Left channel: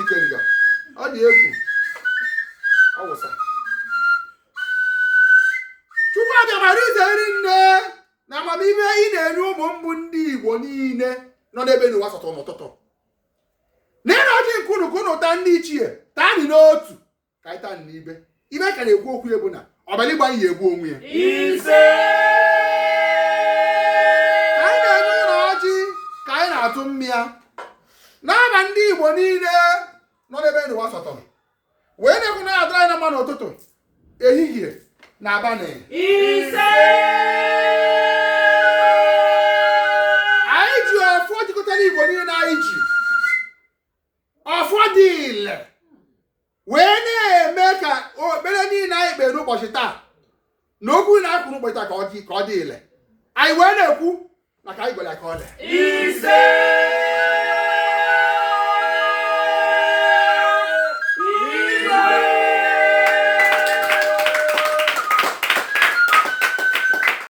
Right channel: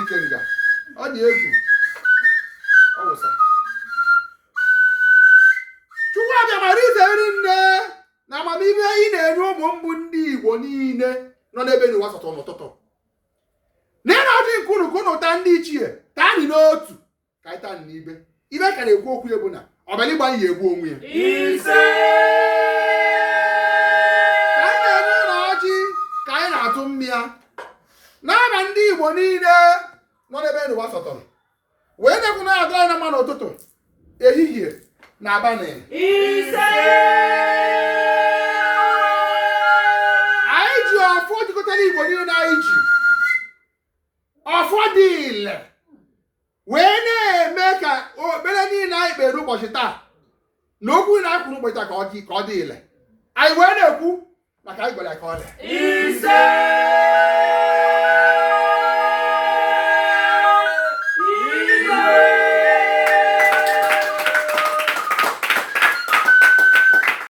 Ikenga. Ọ dị egwu. Ọ wụsa. Chukwu aja mara izere nne na amamihe ị na-enye ụmụ ndị Igbo niile nọ n'ebe n'ụwa sọtọ n'ụtụtụ. Nene ọjị nkunu ta ndị ichie taa anyị n'otu ka anyị taa n'ibe. Ibe ka na-ekwu okwu ebu na ọbara ịgba ihe egbu onwe ya. Ise. Ka anyị na-enye ụlọ ọjị ka anyị na-atụ mmịa. N'aba ndị Igbo niile nọ n'ebe n'ụwa sọtọrọ. Wee na-ekwu na adịrị anyị na mma n'ụtụtụ, ehihie na abalị. Ise. Anyị ji ọfọ jikọtara Igbo niile anyị ji. Ọfọ dị ile. Wee na-eme ka okpere niile anyị kpere ụbọchị taa na okwu na-akwụrụ ụbọchị taa ka ọ dị ile. Anyị wee na-ekwu maka anyị gwara ka ọ dị. Ise.